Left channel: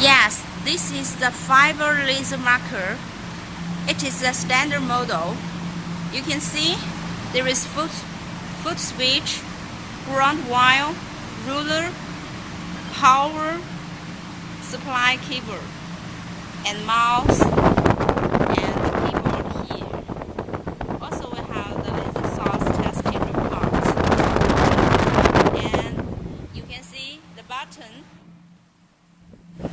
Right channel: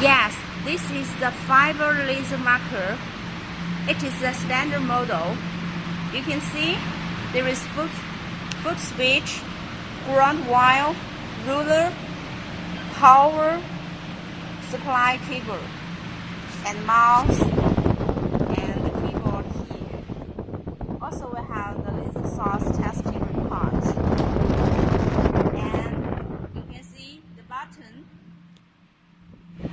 Yes, this is the fiber laser marker. It is a standard model. You can see there is foot switch, ground wire, ruler, power supply cable, and mouse, and the keyboard here. Also we have the laser source testing report. And you can see the button,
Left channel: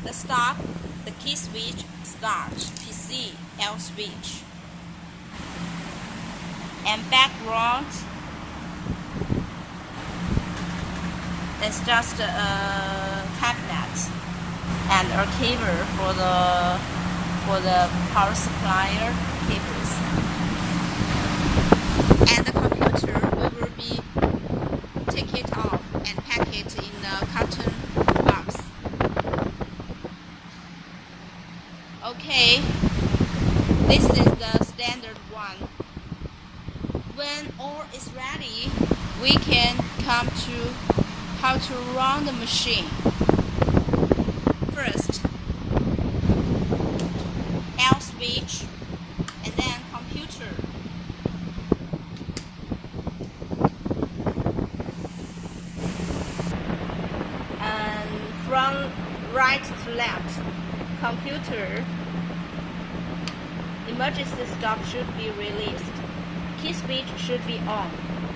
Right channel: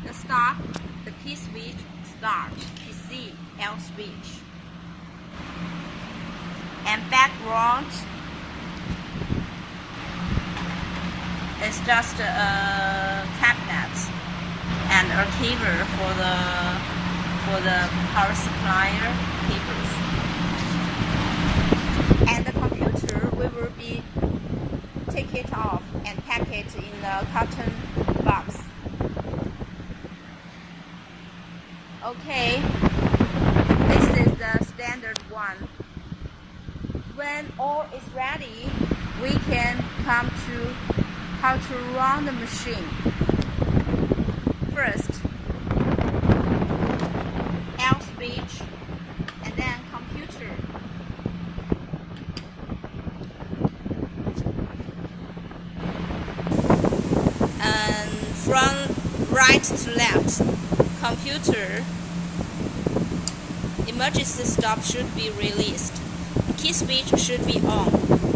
the stop, the key switch, start, PC, L switch, and background is just a cabinet and a cable for the power supplier cables. And the computer we will be take it off and pack it in a carton box. Okay, this is the standard one. When all is ready, we can come to how to run the machine. First, L switch, and then computer. And from right to left, computer, emergency stop should be released. Key switch should be on,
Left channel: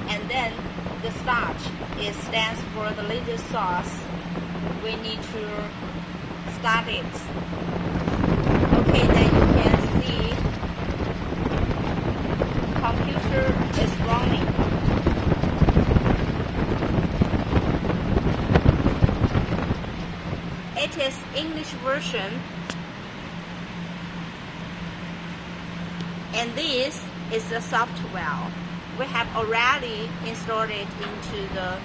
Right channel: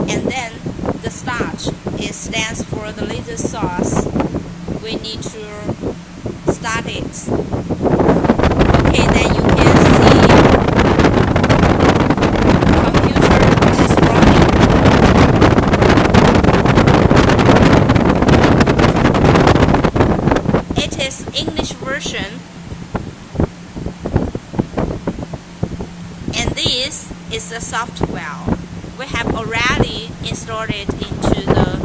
and then the start stands for the laser source. We need to start it. Okay, then you can see computer is running. It is English version, and this is the software. We have already installed it into the